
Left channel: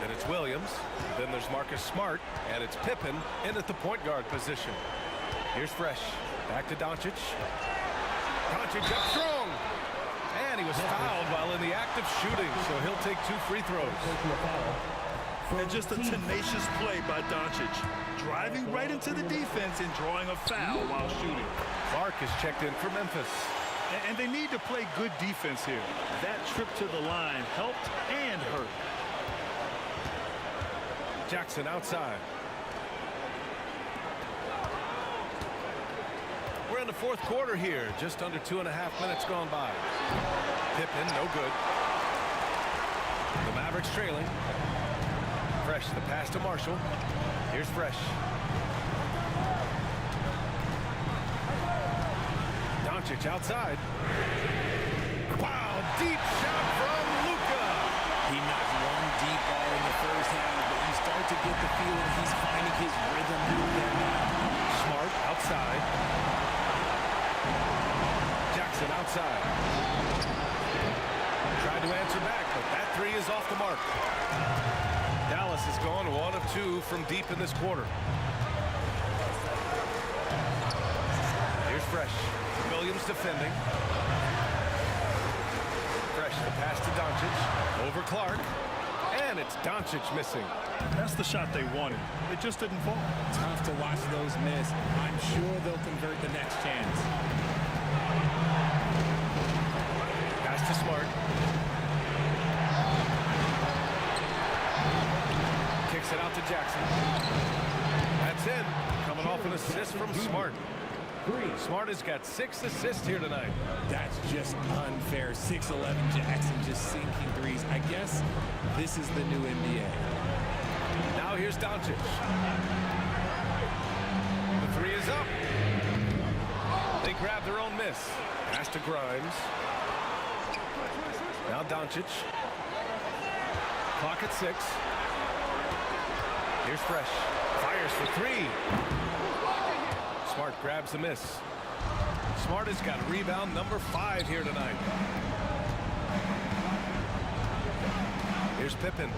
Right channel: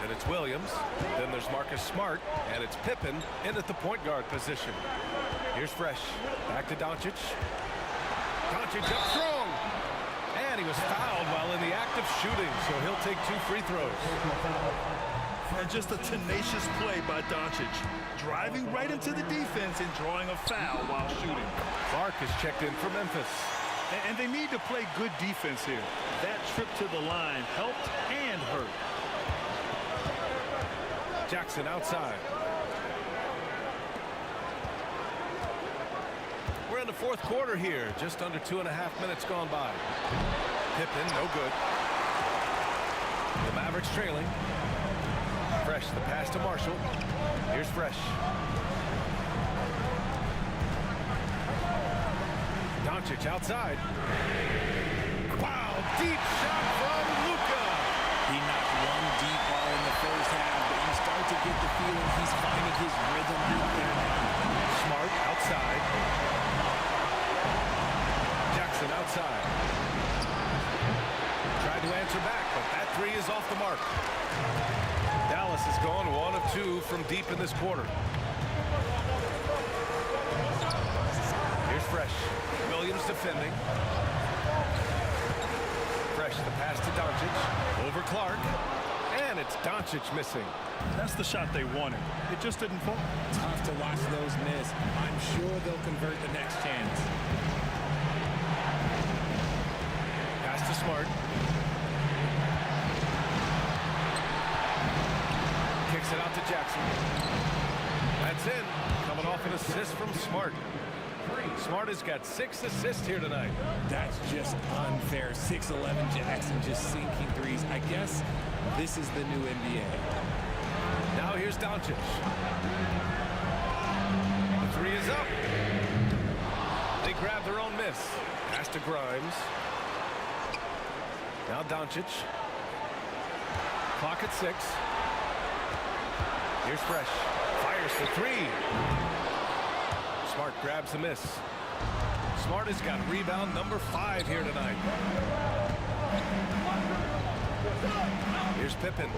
Then it's Williams. Then there's Marcus Smart. And it's Pippen in at the point guard position. Here's Fresh. Back to Doncic. Doncic up strong. And he was fouled while in the act of shooting, so he'll take 2 free throws. And just a tenacious play by Doncic, driving right into the defense and drawing a foul while shooting. Clark is checked in for Memphis. And they need to play good defense here. That trip to the line helped and hurt. Jackson outside. We're in the fourth quarter here. Just under 2.5 minutes gone by. Pippen, no good. The Mavericks trailing. Fresh, the pass to Marshall. Here's Fresh. Doncic outside. Wow, deep shot from Luka. He knocked one deep ball in the first half, but you start to get the feeling he's finding his rhythm out there now. Smart outside. Jackson outside. Tried to answer back, but that 3 is off the mark. Dallas has gone 1 of 2 from deep in this quarter. Here's Fresh. Williams defending. Fresh, the pass to Doncic. Over Clark. And it's Doncic missing. That's the shot they wanted. It just didn't fall. Tough to watch those miss. I'm sure they'll convert the next chance. Pass to Smart. Kicks it out to Jackson. That's in. Coming off an assist from Smart. Smart has got 6 assists here tonight. That's just unfair. 6'11" Jackson just sinking threes. I guess this is the new NBA. Now here's Doncic. The 3 is up. They grab their own miss. Pass to Grimes. Now Doncic. Clock at 6. Here's Fresh. Fires for three. Smart grabs the miss. Smart has got rebound number 5 here tonight. Here's Pippen.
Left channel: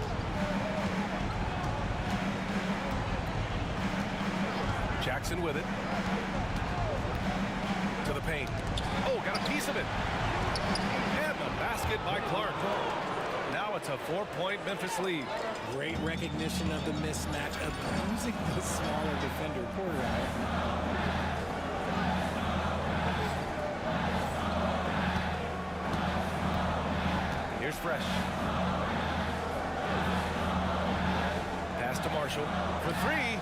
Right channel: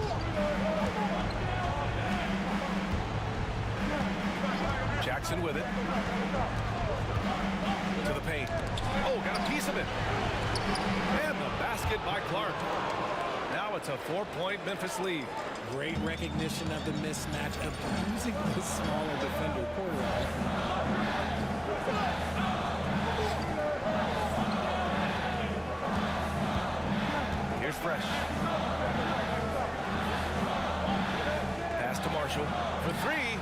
Jackson with it. To the paint. Oh, got a piece of it. And the basket by Clark. Now it's a 4-point Memphis lead. Great recognition of the mismatch, abusing the smaller defender. Porter out. Here's Fresh. Pass to Marshall for three.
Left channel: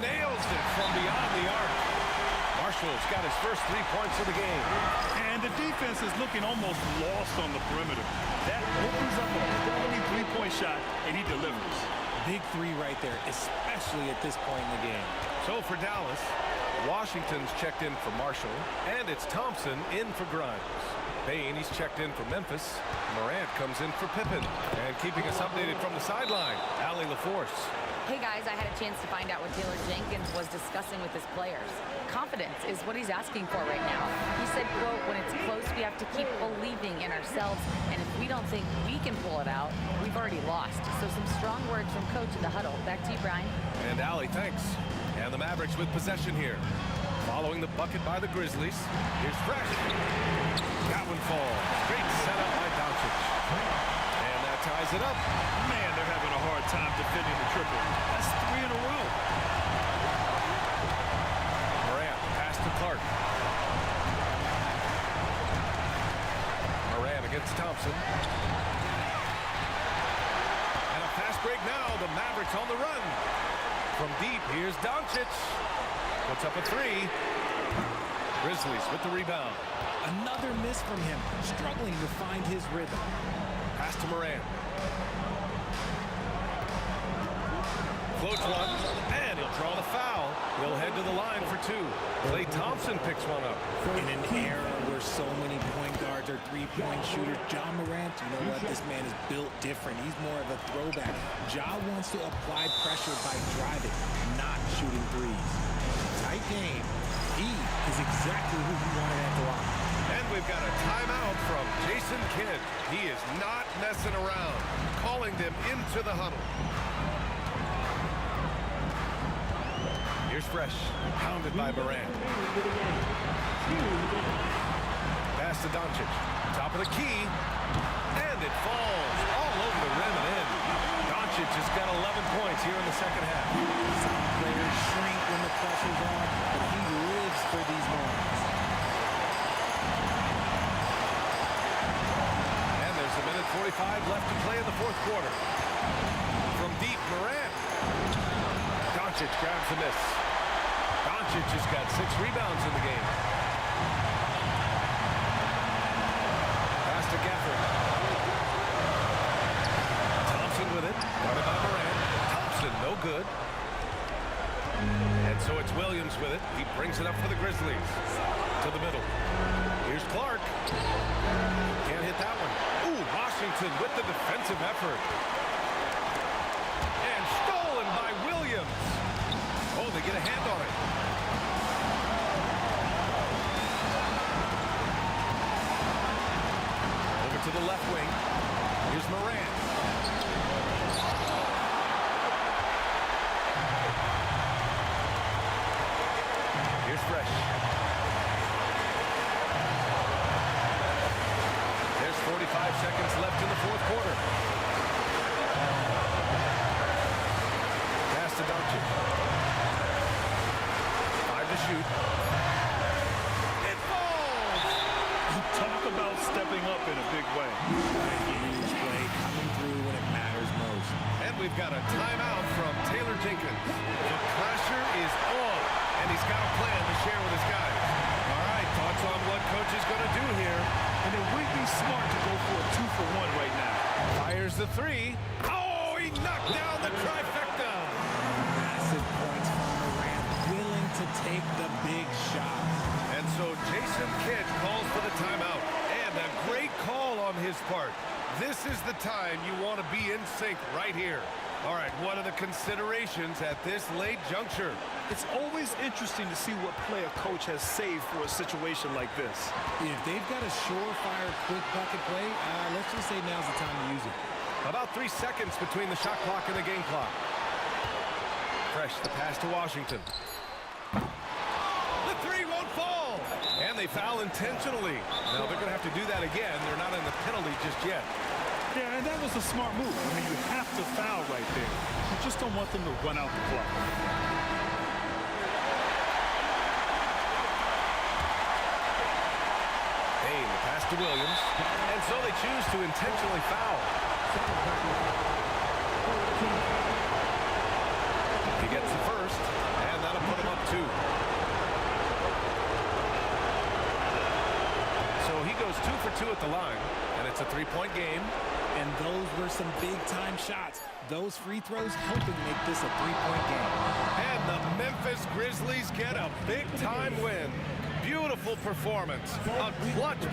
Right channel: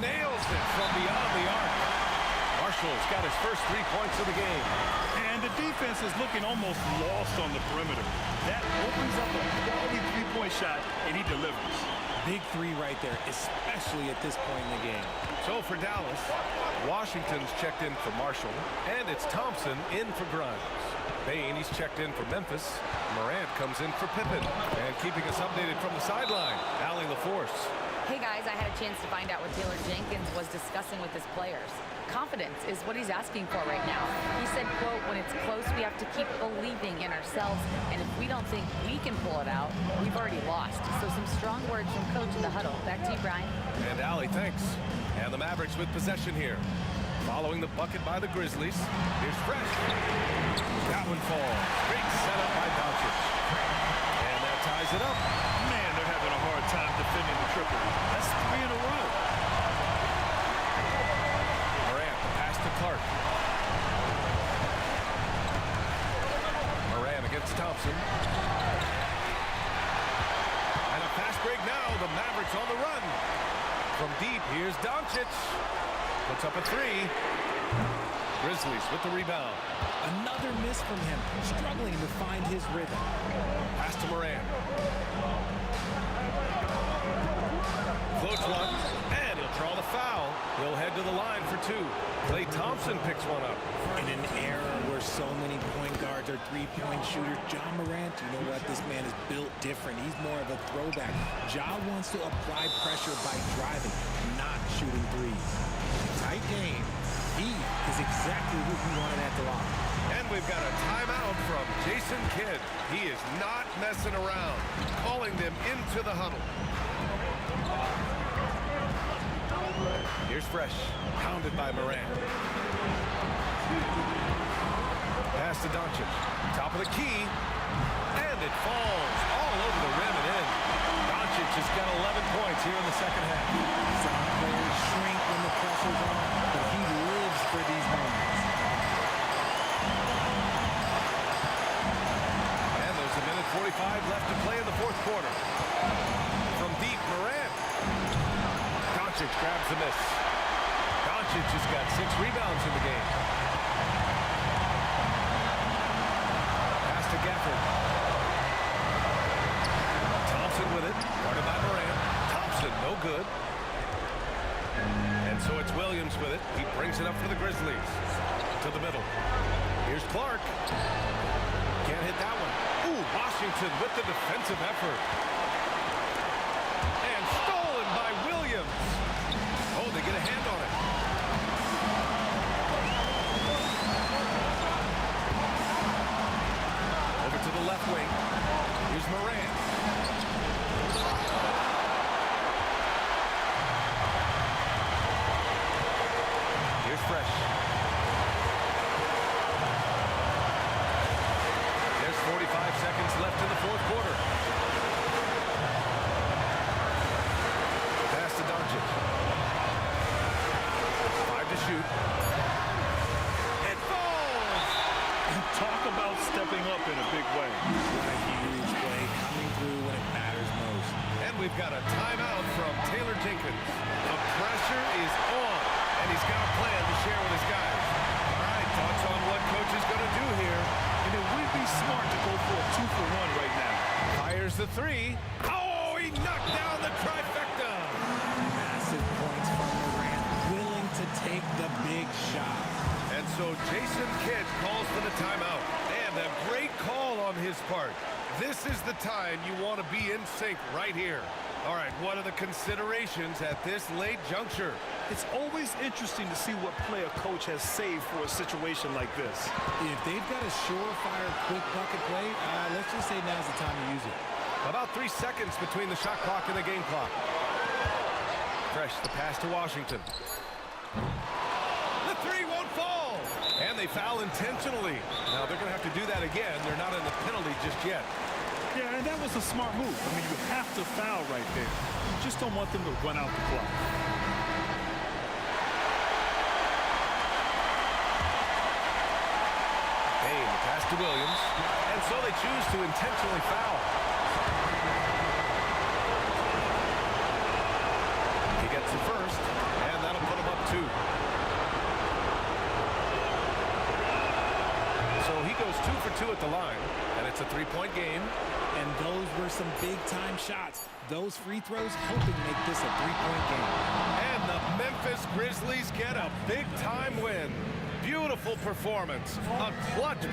Nails it from beyond the arc. Marshall's got his first 3 points of the game. And the defense is looking almost lost on the perimeter. That opens up a quality three-point shot, and he delivers. Big three right there, especially at this point in the game. So for Dallas, Washington's checked in for Marshall, and it's Thompson in for Grimes. Bane, he's checked in for Memphis. Morant comes in for Pippen. And keeping us updated from the sideline, Allie LaForce. Hey guys, I had a chance to find out what Taylor Jenkins was discussing with his players. Confidence is what he's asking for right now. He said, quote, when it's close, we have to keep believing in ourselves, and if we don't think we can pull it out, we've already lost. So some strong words from Coach in the huddle. Back to you, Brian. And Allie, thanks. And the Mavericks with possession here. Following the bucket by the Grizzlies, here's Fresh. That one falls. Great setup by Doncic. And that ties it up. Man, they're having a hard time defending the triple. That's 3 in a row. Morant, pass to Clark. Morant against Thompson. And a fast break now. The Mavericks on the run. From deep, here's Doncic. Puts up a three. Grizzlies with the rebound. Another miss from him, struggling to find his rhythm. Pass to Morant. Floats one, and he'll draw the foul. He'll head to the line for 2. Klay Thompson picks one up. In an era where so many point guards are three-point shooters, Ja Morant, you know what? This man is built different. He's more of a throwback. Ja wants to apply pressure by driving, not shooting threes. Tight game. He is exactly who he wanted at the line. And we've got a timeout from Jason Kidd. He is not messing around, calling them into the huddle. Here's Fresh, pounded by Morant. Pass to Doncic, top of the key, and it falls all over the rim and in. Doncic has got 11 points here in the second half. Some players shrink when the pressure's on, but he lives for these moments. And there's a minute 45 left to play in the fourth quarter. From deep, Morant. Doncic grabs the miss. Doncic has got 6 rebounds in the game. Pass to Gafford. Thompson with it, guarded by Morant. Thompson, no good. And so it's Williams with it. He brings it up for the Grizzlies. To the middle. Here's Clark. Can't hit that one. Ooh, Washington with the defensive effort. And stolen by Williams. Oh, they get a hand on it. Over to the left wing. Here's Morant. Here's Fresh. There's 45 seconds left in the fourth quarter. Pass to Doncic. 5 to shoot. It falls! And talk about stepping up in a big way. What a huge play, coming through when it matters most. And we've got a timeout from Taylor Jenkins. The pressure is on, and he's got a plan to share with his guys. All right, thoughts on what coach is going to do here? And it would be smart to go for a 2-for-1 right now. Fires the three. Oh, he knocked down the trifecta. Massive points from Morant, willing to take the big shot. And so Jason Kidd calls for the timeout. And a great call on his part. This is the time you want to be in sync right here. All right, what are the considerations at this late juncture? It's always interesting to see what play a coach has saved for a situation like this. If they've got a surefire, quick bucket play, let's just say now's the time to use it. About 3 seconds between the shot clock and the game clock. Fresh, the pass to Washington. The three won't fall. And they foul intentionally. Now they're going to have to do that again. They're not in the penalty just yet. Yeah, and that was a smart move. I mean, you have to foul right there. You just don't want them to run out the clock. Payne, the pass to Williams. And so they choose to intentionally foul. He gets the first, and that'll put him up 2. So he goes 2 for 2 at the line, and it's a 3-point game. And those were some big-time shots. Those free throws helping make this a 3-point game. And the Memphis Grizzlies get a big-time win. Beautiful performance. A clutch.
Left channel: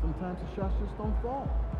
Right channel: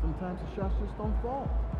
Sometimes the shots just don't fall.